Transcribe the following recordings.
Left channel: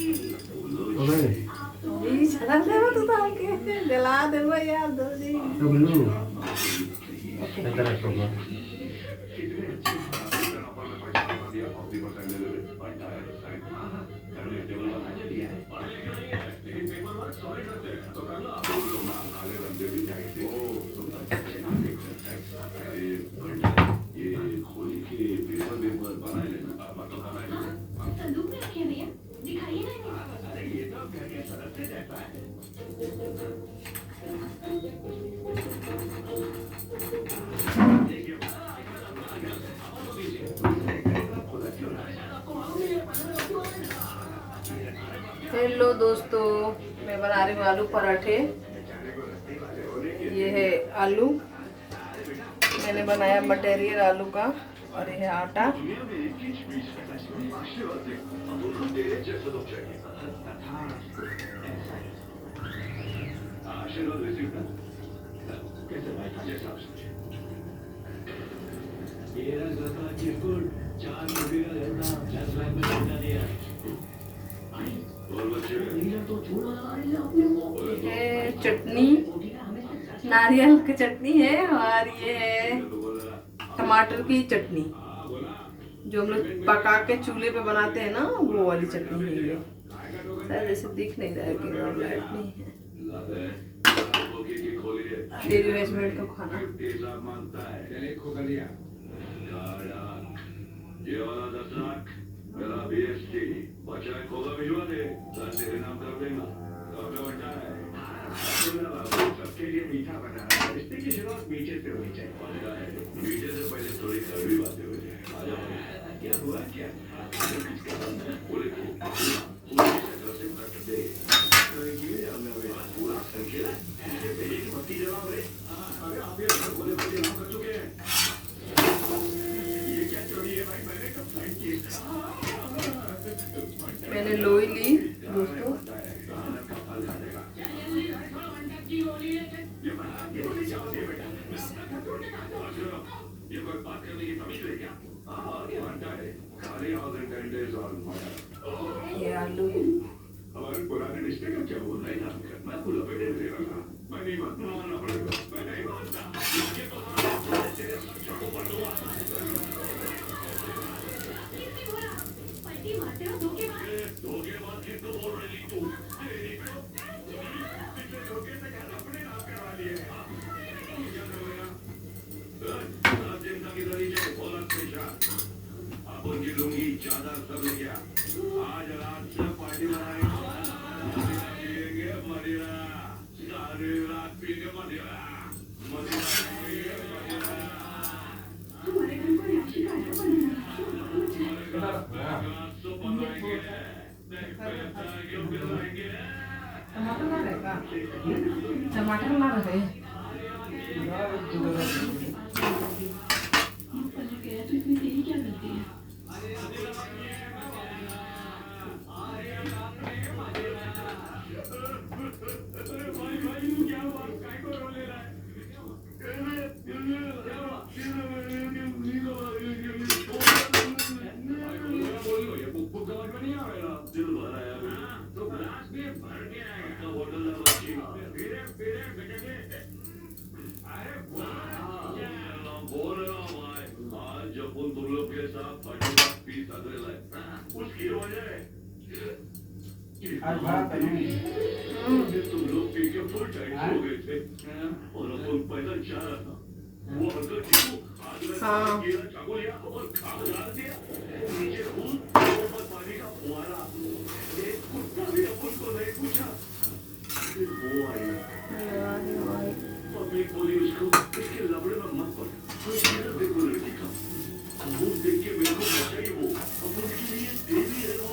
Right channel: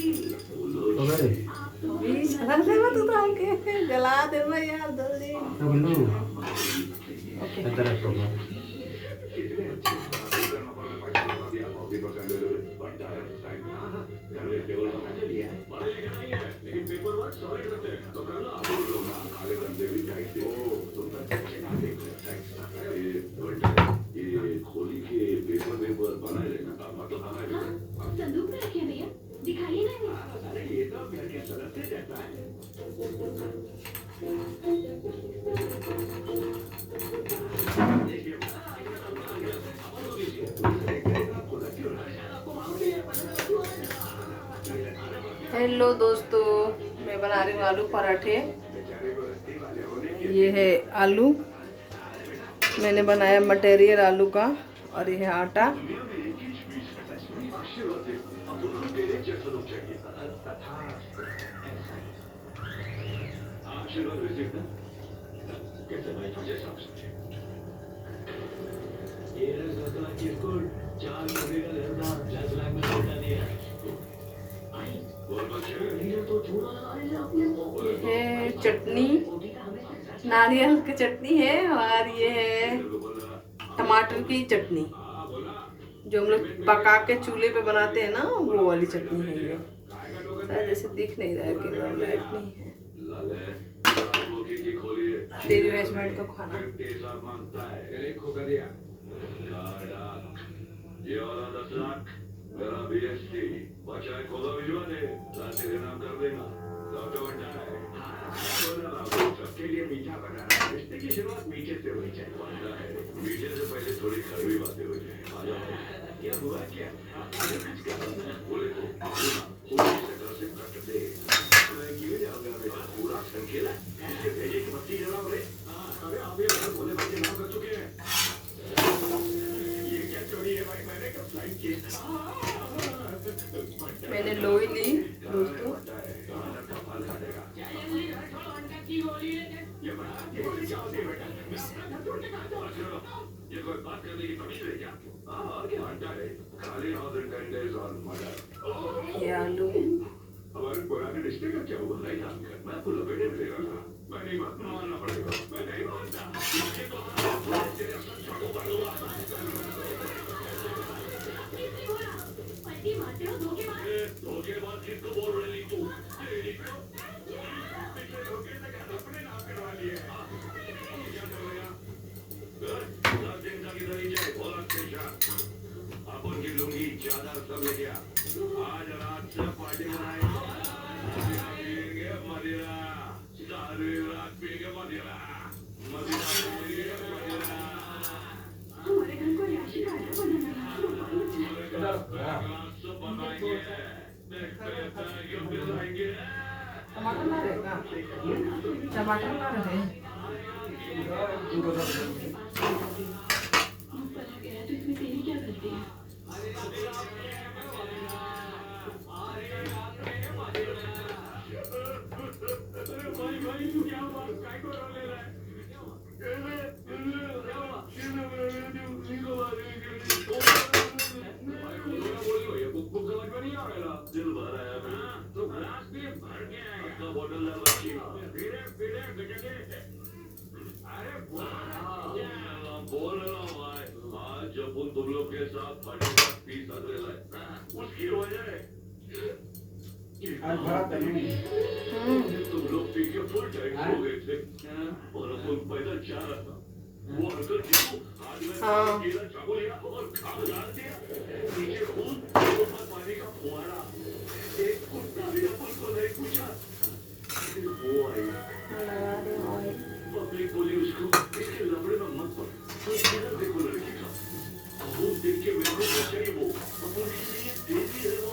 अभी चला ले तू तो आके जला दे भाई यार जल्दी। ओके हेलो दोस्तों, मैं बना रही हूँ आलू पराठे। ये है आलू, मैंने बनाया मटेरियल आलू का, और ये है आटा। ये है चटनी, नारियल की चटनी है, और ये है टमाटर की चटनी, जो हम लोग पका के चूल्हे पे बनाते हैं ना, वो वाली चटनी है ये। शायद जैसे दिख नहीं रहा है कि लाइट नहीं है। तेरी हस्बैंड का खाना मेरा बीएसटी बचा खोगा भिजवा दे, तेरे नाम कर देना। डॉक्टर बता है सबके लिए मीठा बना रहा है, रिश्ते की शुरुआत मीठे से होनी चाहिए। मीठे से पहले थोड़ी कड़वी बातें हो जाए। आजा भाई, क्या हुआ क्या? बोले पूरा संखेला कर चुके हैं। ये क्या चोरी है भाई? मैंने कंप्लेंट की। मैंने लोई ली दोस्तों। ये आलू हमारे पुराने रिश्ते का क्या बोल रहे हैं? मैं तो लपेटे में देगा, मैं नहीं मानना पड़ेगा, मैं नहीं मानता। ज्यादा सब लेके आज रात सब पार्टी बनाएंगे, मदिरा सारी रात पिएंगे, मदिरा हमारे घर को राशि का टमाटर ना रहेगा, टमाटर ना रहे। तेरी क्या गलती है? उसकी वजह है तुम लोग पी के फुल टाइट हो गए थे, और अपन पैदल जा रहा था, वो अंकल चाकू लिया और खा दिया। नीचे खून और पानी का फुहारा, एक कुत्ता भी अपन को नहीं पूछा। वो आई पब्लिक बोली उसको, इसके लबड़े में मत पड़, देखो लड़की का खून देख के मेरे को बचाई। वो अपन के लिए देवी है वो।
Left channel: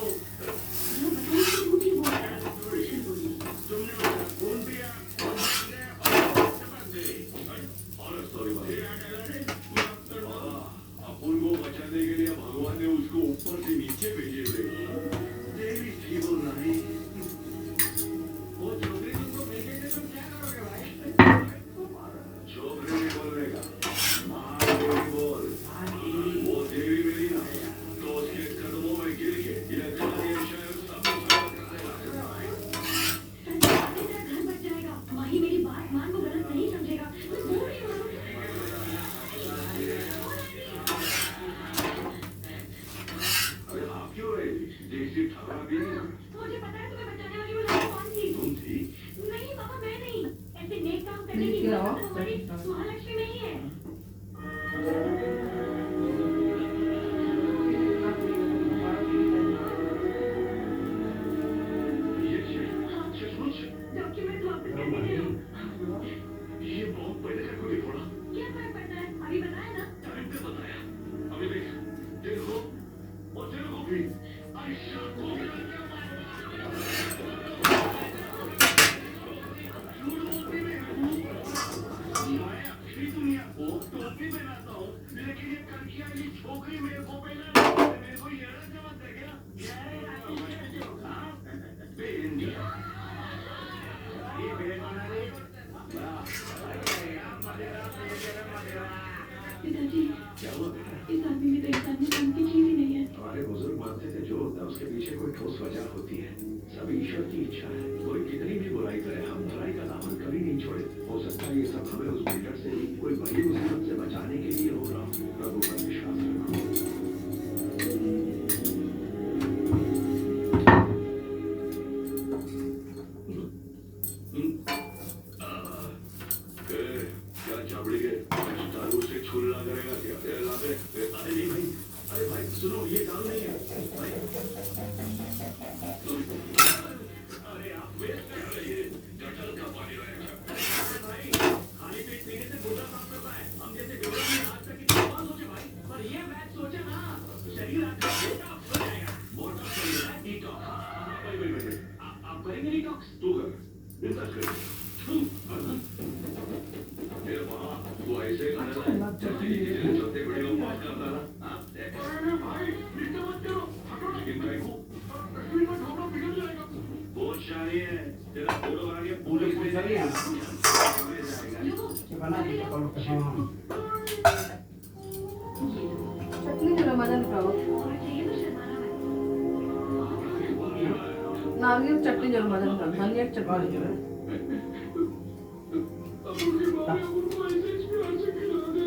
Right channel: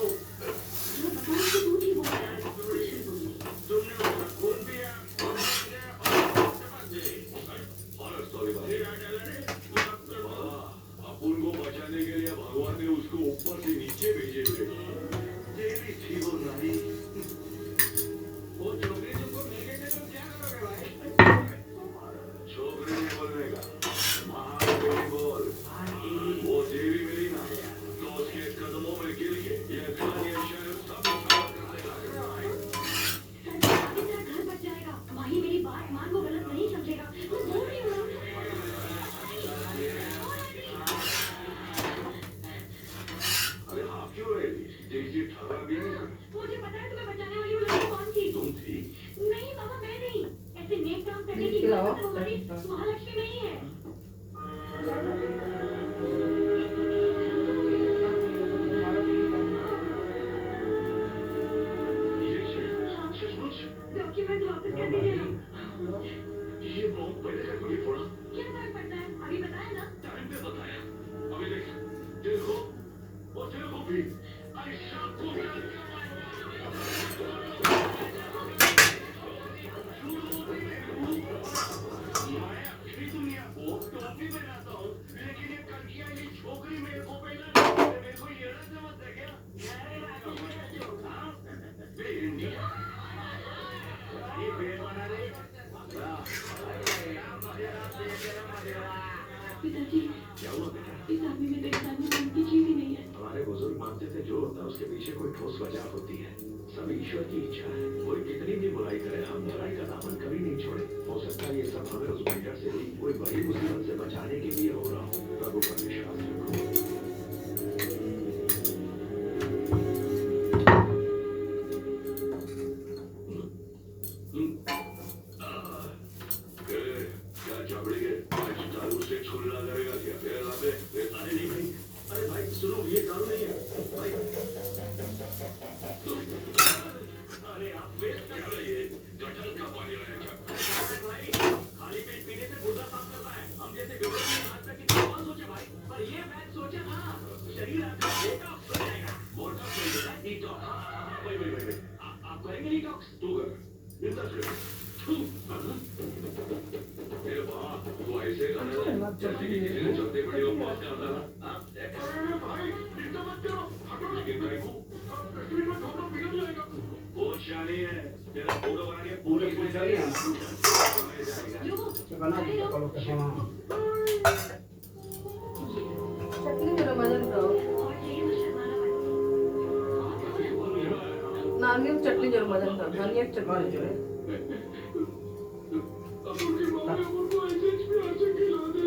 अपन को बचाने के लिए भगवान ने उसको ऊपर से नीचे भेजा। कोई ठोस वजह होती है। सब ईश्वर की इच्छा है। कोई कितनी भी बुराई करे, हम बुराई का दामन कभी नहीं छोड़े। हो सकता है ये सब हमें उस बिल्डर से भी कोई बड़ी मुसीबत से बचाने के लिए हो रहा हो। प्रभु पर विश्वास रखो। क्या चाबड़ी के दारू से छुलना करेगा क्या? लाते अरे नहीं भाई, अरे भाई सुनो, ये काम नहीं है भाई। अरे आप वेस्ट कर रहे हैं, जटल का पानी रहेगा भाई। खाली पेट पीने से गुर्दा साफ करता है। हम जैसे लोगों ने आज तक इतना बात सोचे भाई, पर ये मैच सोचे ना, शरीर आपका डिटॉक्स हो जाएगा। मोटा शरीर है डिटॉक्स। भाई आप करेंगे डिटॉक्स? तू कर, इंतजार कर। ये वाह, तो ऐसे करना चलते बड़ी लोग पहुंच जाता है। अरे भाई इतना मत करो, हटो लेकिन भाई को तस्वीर में फोटो बिगड़ जाएगा। वो शाही है, तेरा फोटो बना के पूरी में जाएगा। बना दिया करो कसम। चटनी जरा मदन खाओ। नारियल चटनी जरा मदन खाओ। नारियल चटनी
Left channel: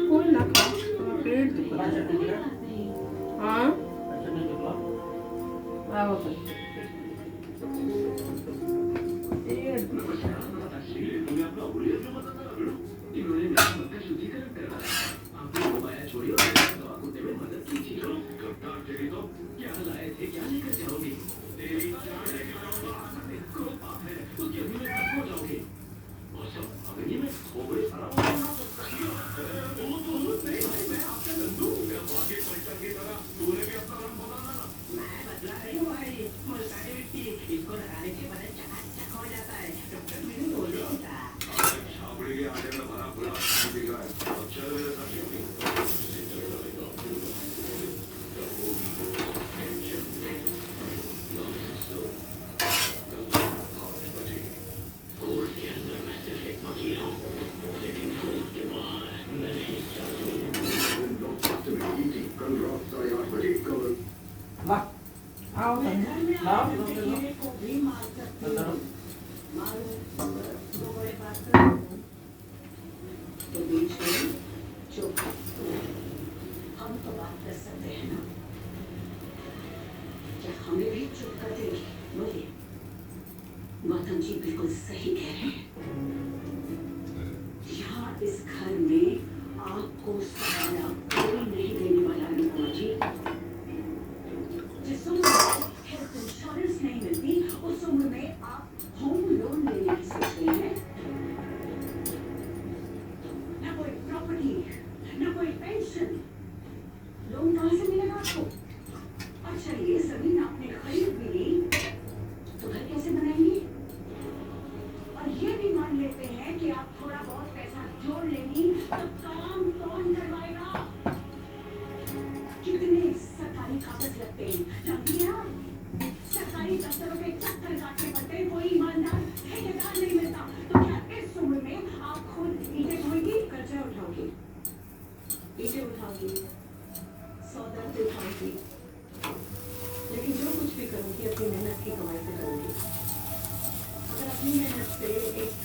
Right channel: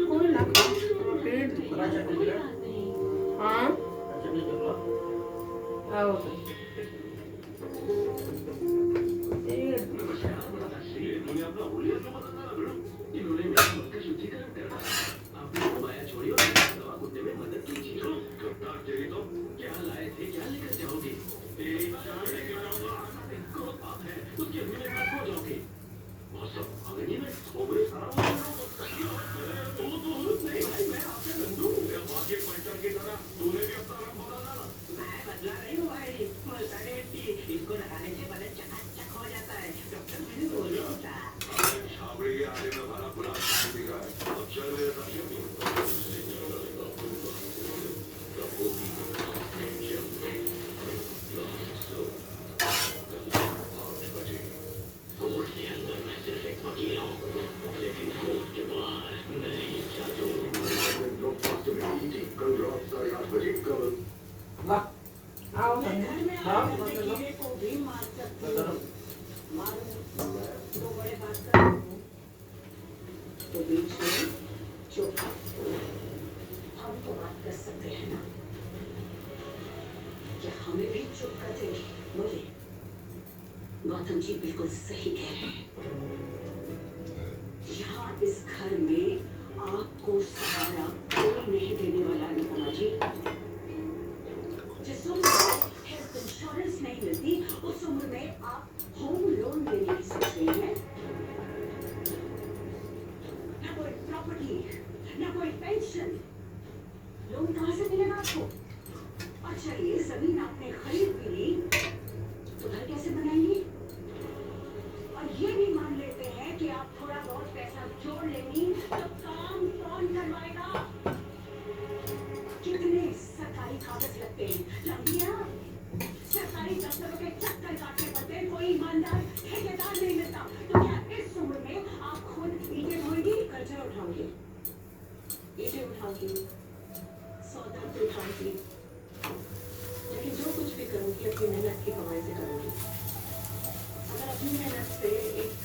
कोई ना खा, पेट दुखा है। हाँ आओ तो क्या लाए थे, क्या लेकर जाओगी? उसके बिना खत्म हो जाओगे। अंगनी में खोपड़ी सारा नहीं भाई, मैं आपसे बंधु वाकई पलटन की तरह तूने भी अपना रंग बदला ना। मैं बदला नहीं हुआ है, इसको लगाने से बड़े चकाचक हो जाता है। छाबड़ी के आगे में भरा पड़ा अच्छा ला आओ तो लाओ तो बीच में चुप, हम तो बात कर सकते हैं ना? क्या हमें भी चुप कर दे? बोले मातम जी बिल्कुल सही कह रहे हैं। यहाँ इस घर में आपको सहारा कोई नहीं देने वाला है अनुपमा जी। जिस उम्र में हेल्थ इंश्योरेंस नहीं मिलती, उस उम्र में आप होम लोन लेने की सोच रही हैं। ना कोई प्रॉपर्टी, ना कोई पेंशन, लोन कहाँ से मिलेगा आपको? और चलिए जमीन आपने खरीद भी ली, तो घर कैसे बनाएंगी? और ये भी मान लेते हैं कि आप थोड़ा बहुत पैसा जोड़ लेंगी, तो काम कौन करवाएगा? कितने सरकारी कागज लगते हैं, लगती है ना? सरकारी दफ्तरों के चक्कर काटने पड़ते हैं, कोई ईमानदार ठेकेदार नहीं मिलता। तो क्या इस उम्र में आप खुद ईंटें ढोएंगी, कर्जा उठाओगी, ईंटें उठाओगी, सौदा उठाओगी, लेकिन जो कुछ भी करूँगी अपनी मेहनत की कमाई से करूँगी। अगर अपनी मेहनत से एक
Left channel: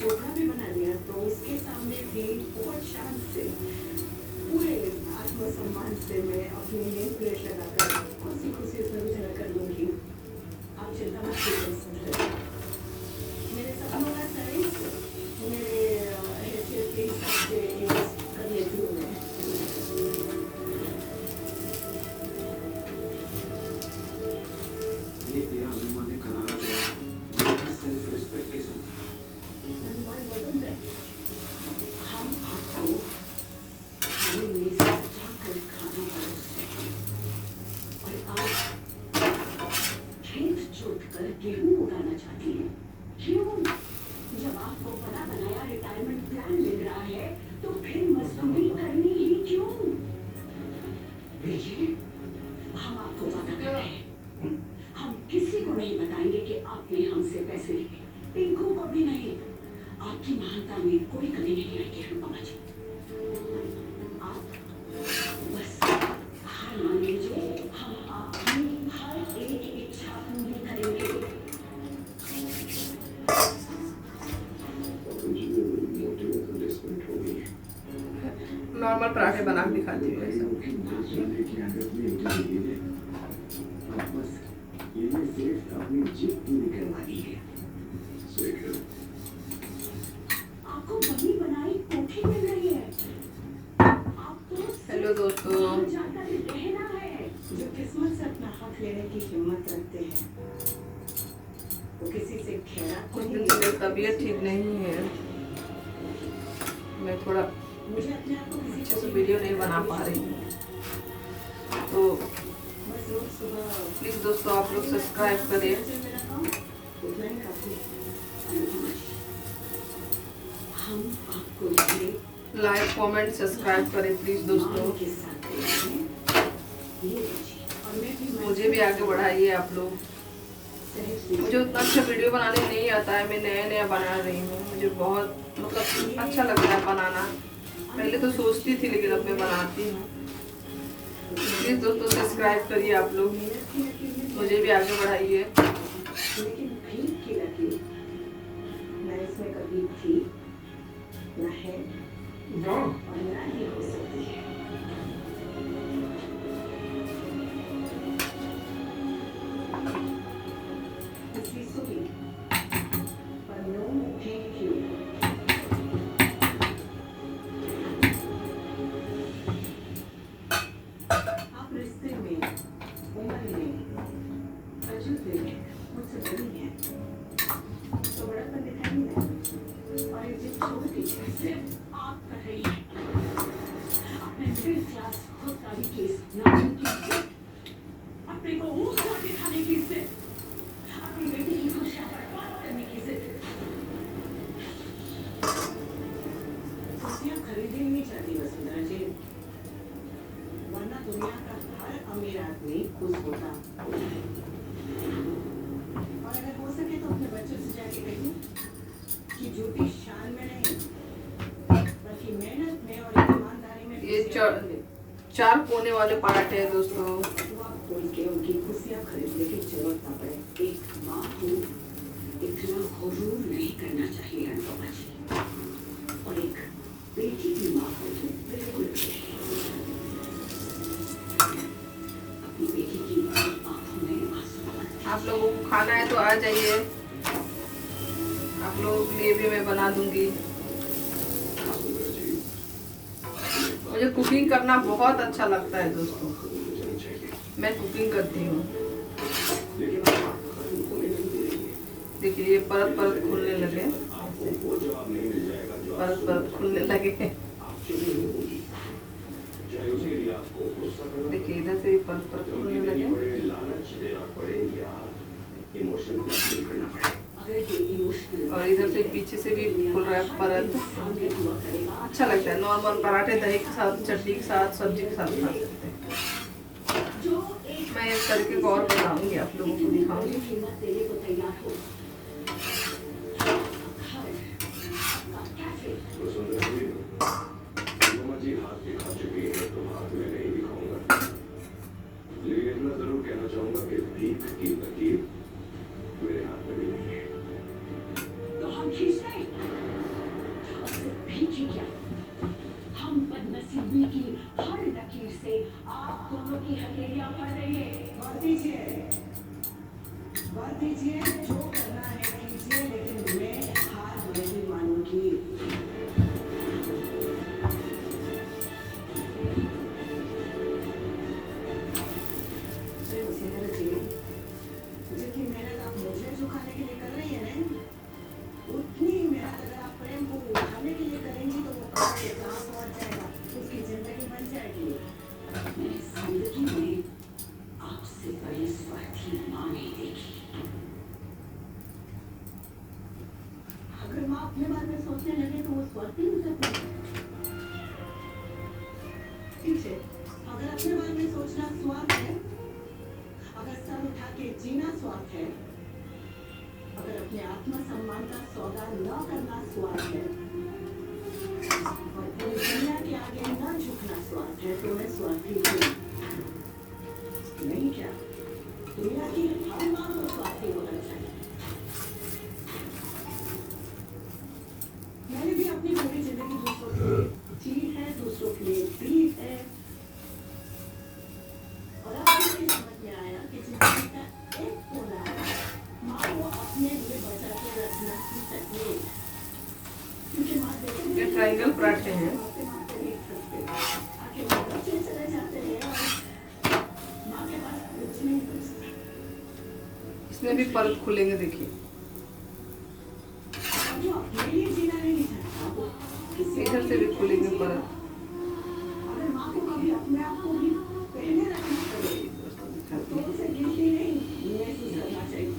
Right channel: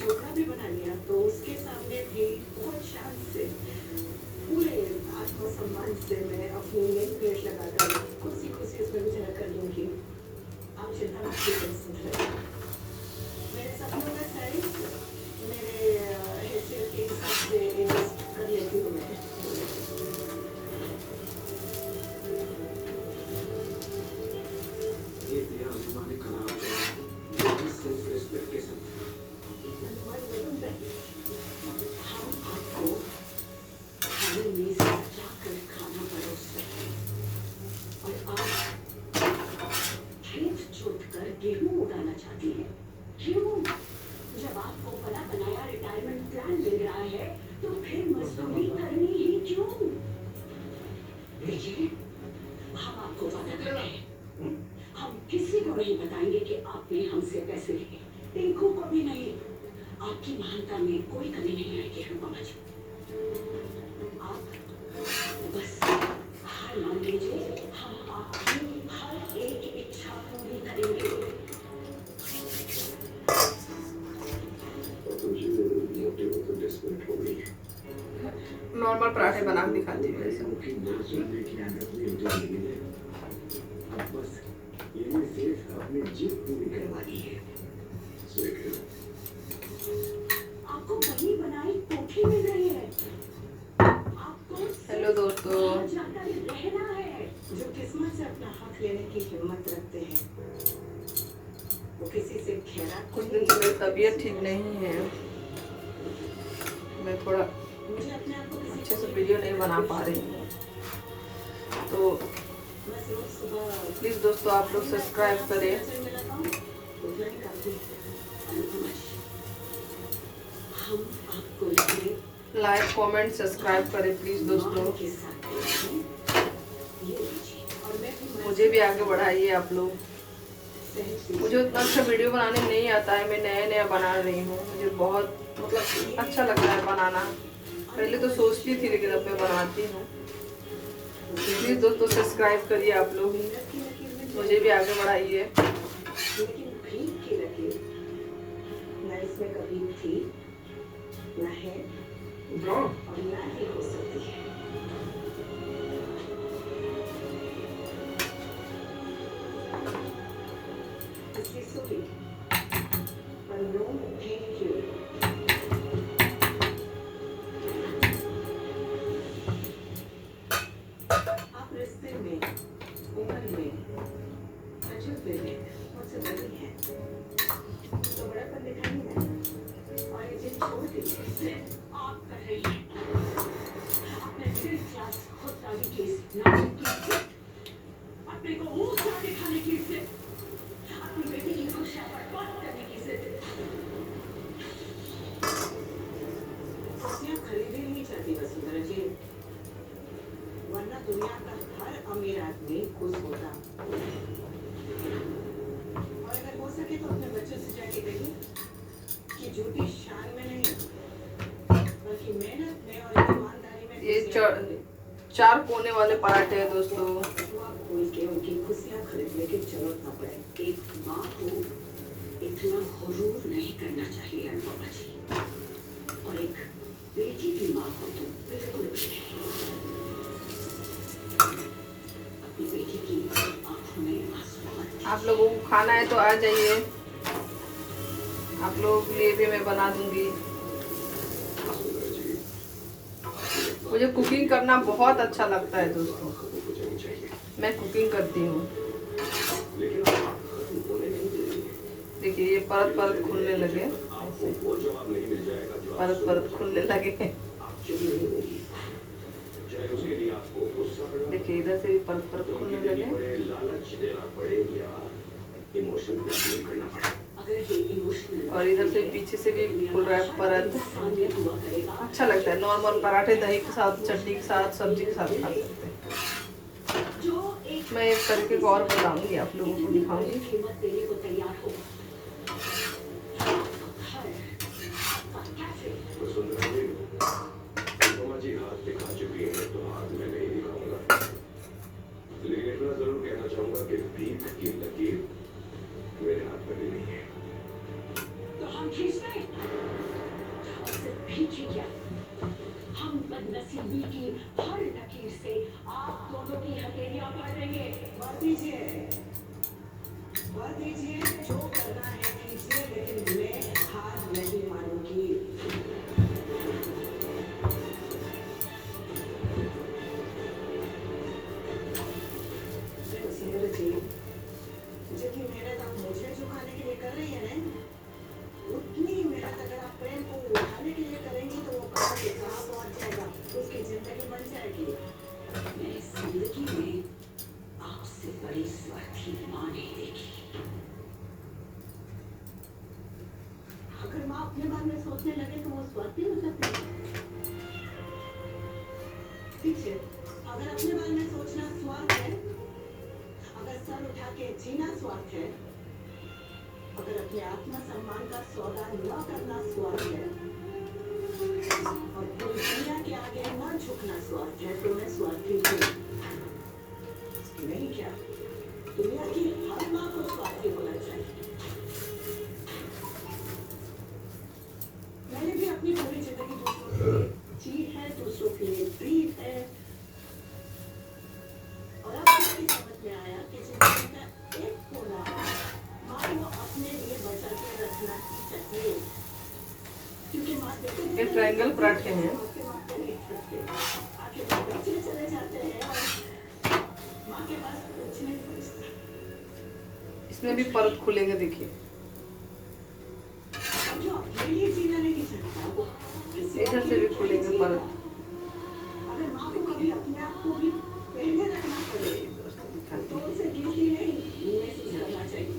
जोखा भी बना लिया, तो उसके सामने भी बहुत शान से, पूरे आत्मसम्मान से मैं अपनी नेम प्लेट लगाकर खुशी खुशी उसमें गुजर कर लूँगी। आप चिंता मत कीजिए, मेरे सपनों का साइज मेरे हेयर के हिसाब से कर लेती हूँ मैं। ये तेरा अनुमान खराब है। सेल्फ रिस्पेक्ट के साथ गेहूं उड़ाना चाहती है। क्यों? जब आपको बड़ा बनाया रिटायरमेंट प्लान मिल रहा है, तो फिर मजदूरी करनी ही क्यों? देखिए, हम आपको वादा कर रहे हैं, हम किसी को नहीं बताएंगे कि आपने हमसे पैसे लिए, टिंकू को भी नहीं। आपकी महानता में कोई कमी नहीं आएगी अनुपमा जी। आप बस हार मान लीजिए, हम आपकी हर नॉर्मल पराठे बना के दिखाती हूँ ऐसे। आपको बनी बनाई कोठी मिल रही है। आपको हेलो दोस्तों, जाकर रहना है। जो किस्मत से अपना हक लेने की हिम्मत रखते हैं वो किसी से खैरा कुछ दिन से मेरी तबीयत ठीक नहीं है, मैं थोड़ा मुझे अपने आप को किसी अच्छे से वीडियो नहीं बना पा रही हूँ, तो बस रोज सुबह प्लीज़ दोस्तों आप लोग सब्सक्राइब करें, उतना ही काफी। हम आपको ये लाइक कमेंट सब्सक्राइब करें प्लीज़ दोस्तों। के साथ ये और मैं भी मुझे भी आगे बढ़ाइए आप लोग। मुझे उतना अच्छा वीडियो बनाने नहीं आता है, मैं नया नया बना रही हूँ, मुझे बहुत मतलब अच्छा लग रहा है बनाना। पहले तो सोचती थी लेकिन अब मैं बनाती हूँ। प्लीज़ दोस्तों सब्सक्राइब करिए आप लोग, मुझे भी आगे बढ़ाइए। लेकिन भीख की लकीर न इसमें कभी थी न है जाओ और न ही हो सकती है। इसलिए सुनी पर नो थैंक यू। आप रिश्ते में उम्र में तजुर्बे में मुझसे बड़ी हैं तो बड़ापन दिखाई नहीं देता। और ये जिद छोड़ दीजिए, सिर्फ आप कर रही हैं अपने मिडिल क्लास खुददारी की इस नाजुक की जिद, अपने को ऊंचा दिखाने की जिद, अपनी बेटी की खुशियां बर्बाद करने की जिद। खुशियां खरीदे नहीं जाती वसुंधरा जी, वरना दुनिया का हर अमीर आदमी खुश होता। और अगर हो सके तो अपने बच्चों से जाके कहिए कि झूठी शान में नहीं बल्कि मेहनत में और ईमानदारी में ये खुशियां 4 कोने वाले पराठे हैं दोस्तों। हुआ खोल के उनकी खुशियां खरीदने की जरूरत ना पड़े। एक माँ को इतना गुरूर नहीं करना चाहिए अनुपमा जी, और एक बेटी की माँ को तो बिल्कुल भी नहीं। अपनी बेटी की आंखों में आंसू मत आप लोगों को खाना है तो आ जाइए, आप लोगों के लिए भी मैं बना दूंगी। मुझे कुकिंग करना बहुत अच्छा लगता है दोस्तों, मैं कुकिंग करती हूँ। देखिए ये परत परत खुलने लगे, ऐसे परत परत खुलने लगे। देखिए इधर से भी परत परत खुलने लगे। अगर ये इमोशनल और इधर से पीछे से भी खुल रहा है परत। हुआ करेगा अच्छा लगता है, नॉर्मल पराठे दही के साथ, चटनी के साथ, सब्जी के साथ खा सकते हैं। जो एक मैं इस तरीके को और बताऊंगी, आप लोगों को दिखाऊंगी। कीमत देने को तैयार हो। कैफे तो हम खींच गए। अब सिर्फ भीख ही क्या, हम बदनसीबी की हर लकीर से आप दोनों की हथेलियां पड़ रही है। बात दीजिए, जो करना है कीजिए, लेकिन मैं हार नहीं मानूंगी। वसुंधरा जी, जितनी मेहनत आप मुझे झुकाने के लिए कर रही है ना, उतनी ही मेहनत अगर आप प्रेम को उठाने के लिए करेंगी तो वो कहाँ से कहाँ पहुँच जाएगा, उसकी जिंदगी बन जाएगी। मैं इस जिंदगी में आपसे बड़ी स्वार्थी माँ नहीं देखी। अगर माँ अपने बारे में सोचने लगे तो वो स्वार्थी हो सकते हैं। ठीक है, अगर अपने बारे में सोचना स्वार्थ है, अगर सर उठा के जीना स्वार्थ है, अगर अपने आत्मसम्मान का सौदा न करना स्वार्थ है, और पूरी दुनिया के आगे न झुकना स्वार्थ है, तो मैं स्वार्थी हूँ नहीं। क्या दुनिया की हर माँ को स्वार्थी होना चाहिए। मैंने भी अपनी पूरी जिंदगी दूसरों के लिए जी है, दूसरों के लिए ट्रायंगल पराठे हैं। आखिर में बच्चे चले जाते हैं और माँ के पास कुछ नहीं बचता। इसमें भी परत खुलेंगे, देखिए जो अपने लिए जीना नहीं चाहता वो किसी और इधर से के भी लिए खुलेंगे जीना। परत। अगर माँ को कभी अपने आप को भी पहले रखना पड़े तो उसे गिल्टी नहीं महसूस करना चाहिए।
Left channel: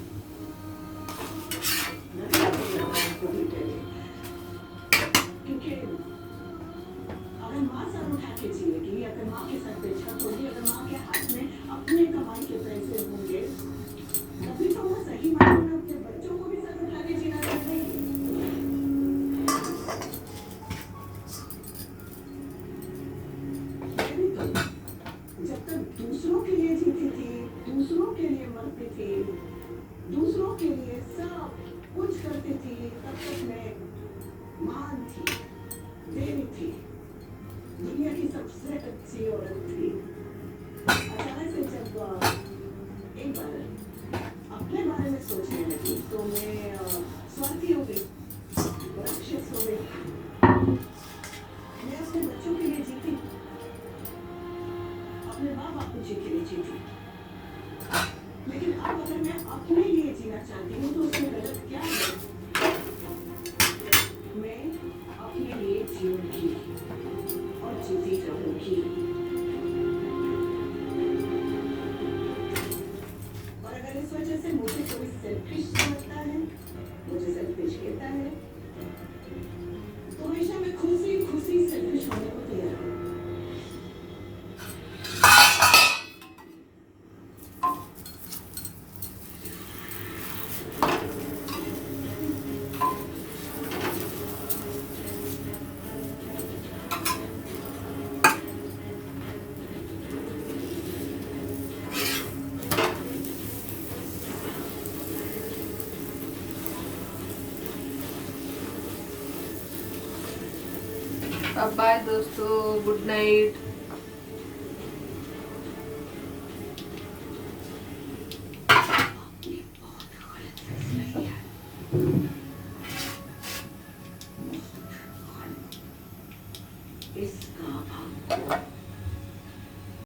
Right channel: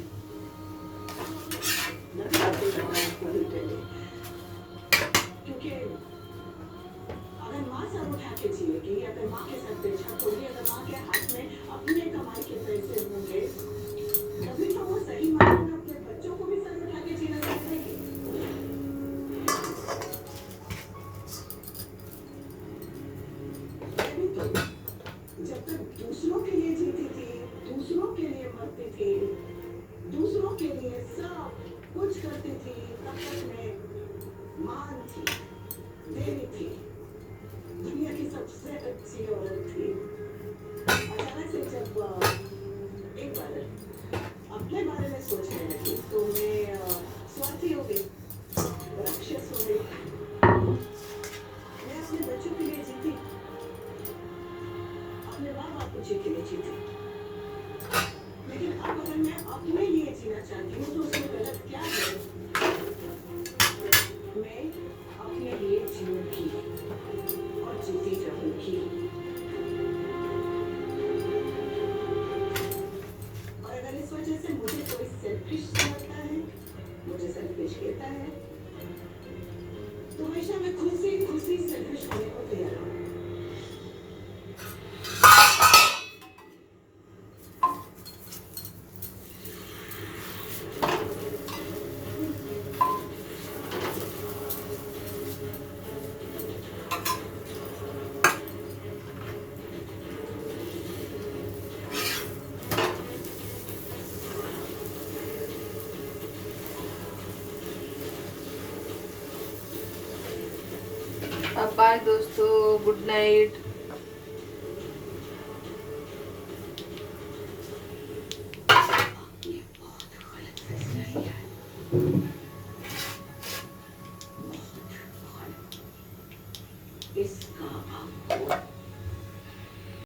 न शादी करना कभी पहले, क्योंकि अगर माँ सर उठा के जिएगी, अगर माँ के सर पे छत होगी, अगर माँ के हाथ में अपने कमाई के पैसे होंगे, तभी तो वो सही मायने में अपने बच्चों को भी सर उठा के जीना सिखाएगी। तभी तो जब तक दूसरों के लिए जीती थी, दूसरों के लिए मरती थी, दूसरों के लिए सब कुछ करती थी, तब तक मैं मान थी, देवी थी, दुनिया की सबसे अच्छी औरत थी। अचानक से जब एक बार अपने बारे में सोचने लगी तो मैं स्वार्थी हो गई, राक्षस हो गई। मैं अपने बच्चों के लिए जीती, अपने माँ बाप को जी के लिए जीती, लेकिन अब अगर मैं अपने लिए जीना चाहती हूँ तो उसमें गलत क्या है? मैं अपने लिए जीऊंगी और जीती रहूंगी। और अगर इस वजह से मुझे कोई सेल्फिश समझता है, मुझे सेल्फिश कहता है, तो हमेशा मैं खुशी खुशी सेल्फिश होने को तैयार हूँ। अब बाय दोस्तों, गुड नाइट। इसका